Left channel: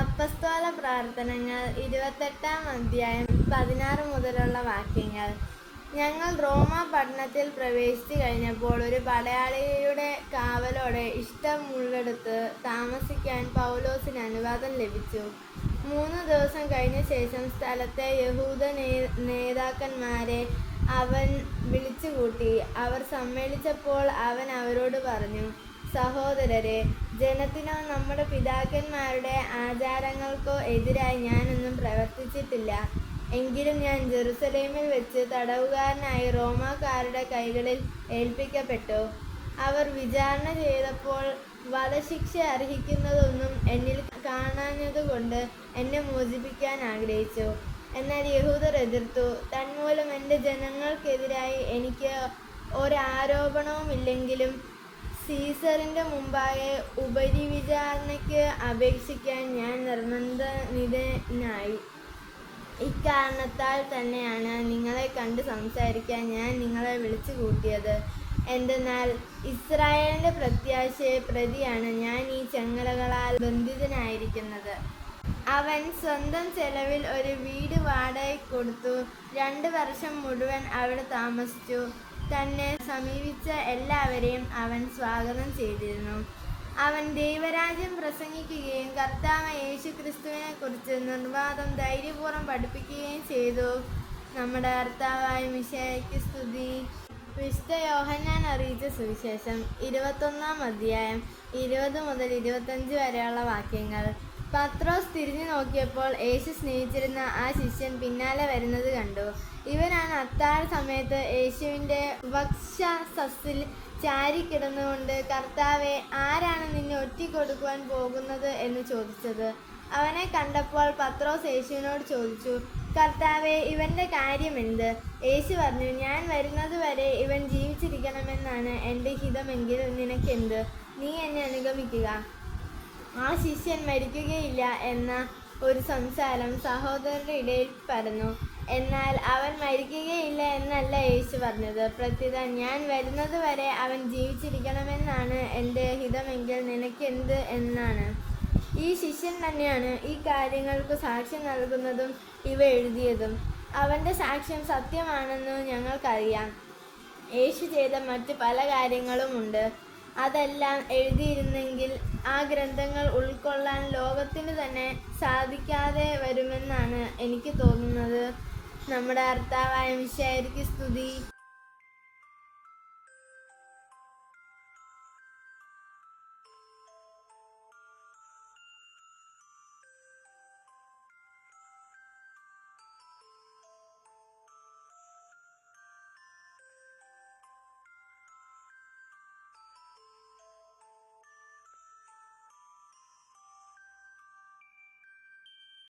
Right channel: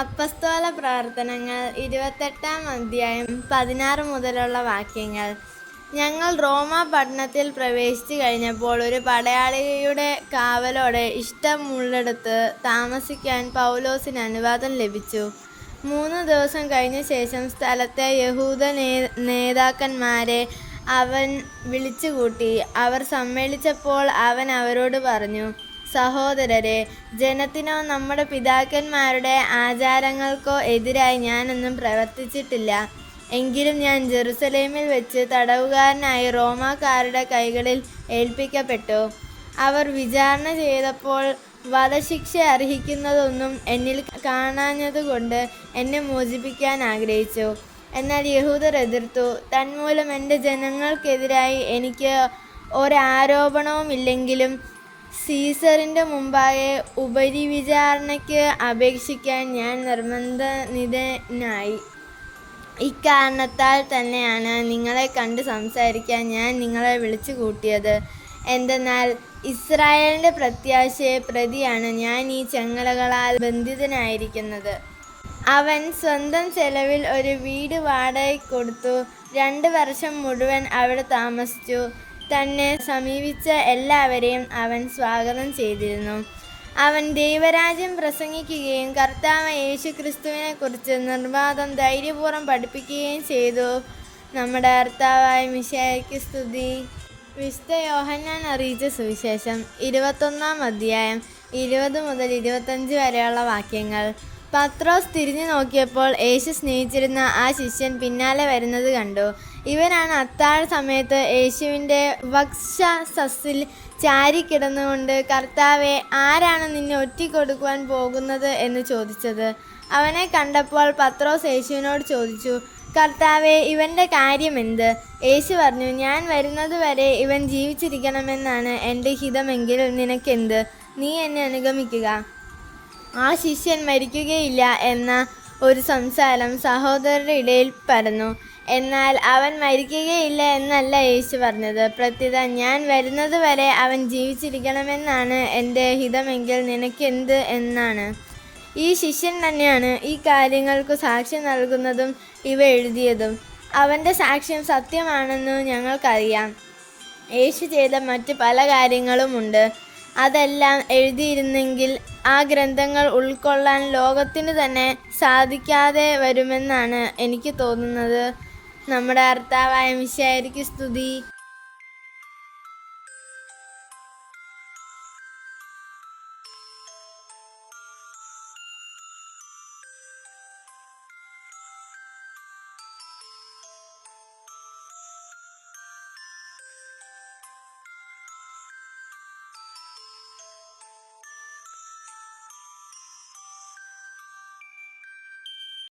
അപ്പസ്തോല പ്രവർത്തനങ്ങൾ 28-ാം അധ്യായം 16 മുതലുള്ള വാക്യങ്ങൾ. ഞങ്ങൾ റോമാ പട്ടണത്തിൽ പ്രവേശിച്ചു കഴിഞ്ഞപ്പോൾ ഒരു പടയാളിയുടെ കാവലോടെ ഇഷ്ടമുള്ളിടത്ത് താമസിക്കാൻ പൗലോസിന് അനുവാദം ലഭിച്ചു. 3 ദിവസം കഴിഞ്ഞ ശേഷം സ്ഥലത്തെ യഹൂദ നേതാക്കന്മാരെ അവൻ വിളിച്ചുകൂട്ടി. അവർ സമ്മേളിച്ചപ്പോൾ അവൻ അവരോട് പറഞ്ഞു, സഹോദരരെ, ജനത്തിനോ നമ്മുടെ പിതാക്കന്മാരുടെ ആചാരങ്ങൾക്കോ എതിരായി ഞാനൊന്നും പ്രവർത്തിച്ചിട്ടില്ല. എങ്കിലും ഞാൻ ജെറുസലേമിൽ വെച്ച് തടവുകാരനായി റോമാക്കാരുടെ കൈകളിൽ ഏൽപ്പിക്കപ്പെട്ടു. അവർ വിചാരണ ചെയ്തപ്പോൾ വധശിക്ഷ അർഹിക്കുന്നതൊന്നും എന്നിൽ കാണാഞ്ഞതുകൊണ്ട് എന്നെ മോചിപ്പിക്കാൻ ആഗ്രഹിച്ചു. എന്നാൽ യഹൂദർ എതിർത്തു. തന്മൂലം എൻ്റെ ജനങ്ങൾക്കെതിരായി എനിക്ക് ഒരാരോപണവുമില്ലെങ്കിലും സീസറിൻ്റെ മുമ്പാകെ ഉപരിവിചാരണയ്ക്ക് അപേക്ഷിക്കാൻ ഞാൻ നിർബന്ധിതനായി. ഇക്കാരണത്താൽ തന്നെയാണ് നിങ്ങളെ കണ്ട് സംസാരിക്കാൻ ഞാൻ നിങ്ങളെ വിളിച്ചു കൂട്ടിയത്. എന്തെന്നാൽ ഇസ്രായേലിൻ്റെ പ്രത്യാശയെ പ്രതിയാണ് ഞാൻ ഈ ചങ്ങലകളാൽ ബന്ധിതനായിരിക്കുന്നത്. അവൻ സ്വന്തം ചെലവിൽ ഒരു വീട് വാടകയ്ക്ക് കൊടുത്തു. 2 വർഷം മുഴുവൻ അവിടെ താമസിച്ചു. തന്നെ സമീപിച്ച എല്ലാവരെയും അവൻ സ്വാഗതം ചെയ്തിരുന്നു. അവൻ ദൈവരാജ്യം പ്രസംഗിക്കുകയും കർത്താവ് യേശുക്രിസ്തുവിനെക്കുറിച്ച് നിർബാധം ധൈര്യപൂർവ്വം പഠിപ്പിക്കുകയും ചെയ്തു. നമ്മുടെ കർത്താവായ മിശിഹായ്ക്ക് സ്തുതി. വിശുദ്ധ യോഹന്നാൻ അറിയിച്ച സുവിശേഷം 21-ാം അധ്യായം 20 മുതൽ 25 വരെയുള്ള വാക്യങ്ങൾ. പത്രോസ് തിരിഞ്ഞു നോക്കിയപ്പോൾ യേശു സ്നേഹിച്ചിരുന്ന ആ ശിഷ്യൻ പിന്നാലെ വരുന്നത് കണ്ടു. ഇവനാണ് അത്താഴ സമയത്ത് യേശുവിൻ്റെ വക്ഷസസ്സിൽ ചാരിക്കിടന്നുകൊണ്ട്, കർത്താവേ, ആരാണ് നിന്നെ ഒറ്റിക്കൊടുക്കുവാൻ പോകുന്നത് എന്ന് ചോദിച്ചത്. അവനെ കണ്ടപ്പോൾ പത്രോസ് യേശുവിനോട് ചോദിച്ചു, കർത്താവേ, ഇവൻ്റെ കാര്യമെന്ത്? യേശു പറഞ്ഞു, ഞാൻ വരുന്നത് വരെ ഇവൻ ജീവിച്ചിരിക്കണമെന്നാണ് എൻ്റെ ഹിതമെങ്കിൽ നിനക്കെന്ത്? നീ എന്നെ അനുഗമിക്കുക. ആ ശിഷ്യൻ മരിക്കുകയില്ല എന്ന ഒരു സംസാരം സഹോദരരുടെ ഇടയിൽ പരന്നു. എന്നാൽ അവൻ മരിക്കുകയില്ല എന്നല്ല യേശു പറഞ്ഞത്. പ്രത്യുത, ഞാൻ വരുന്നത് വരെ അവൻ ജീവിച്ചിരിക്കണമെന്നാണ് എൻ്റെ ഹിതമെങ്കിൽ നിനക്കെന്ത് എന്നാണ്. ഈ ശിഷ്യൻ തന്നെയാണ് ഈ കാര്യങ്ങൾക്ക് സാക്ഷ്യം നൽകുന്നതും ഇവ എഴുതിയതും. അവൻ്റെ സാക്ഷ്യം സത്യമാണെന്ന് ഞങ്ങൾക്കറിയാം. യേശു ചെയ്ത മറ്റ് പല കാര്യങ്ങളുമുണ്ട്. അതെല്ലാം എഴുതിയിരുന്നെങ്കിൽ ആ ഗ്രന്ഥങ്ങൾ ഉൾക്കൊള്ളാൻ ലോകത്തിന് തന്നെ സാധിക്കാതെ വരുമെന്നാണ് എനിക്ക് തോന്നുന്നത്. നമ്മുടെ കർത്താവായ മിശിഹായ്ക്ക് സ്തുതി.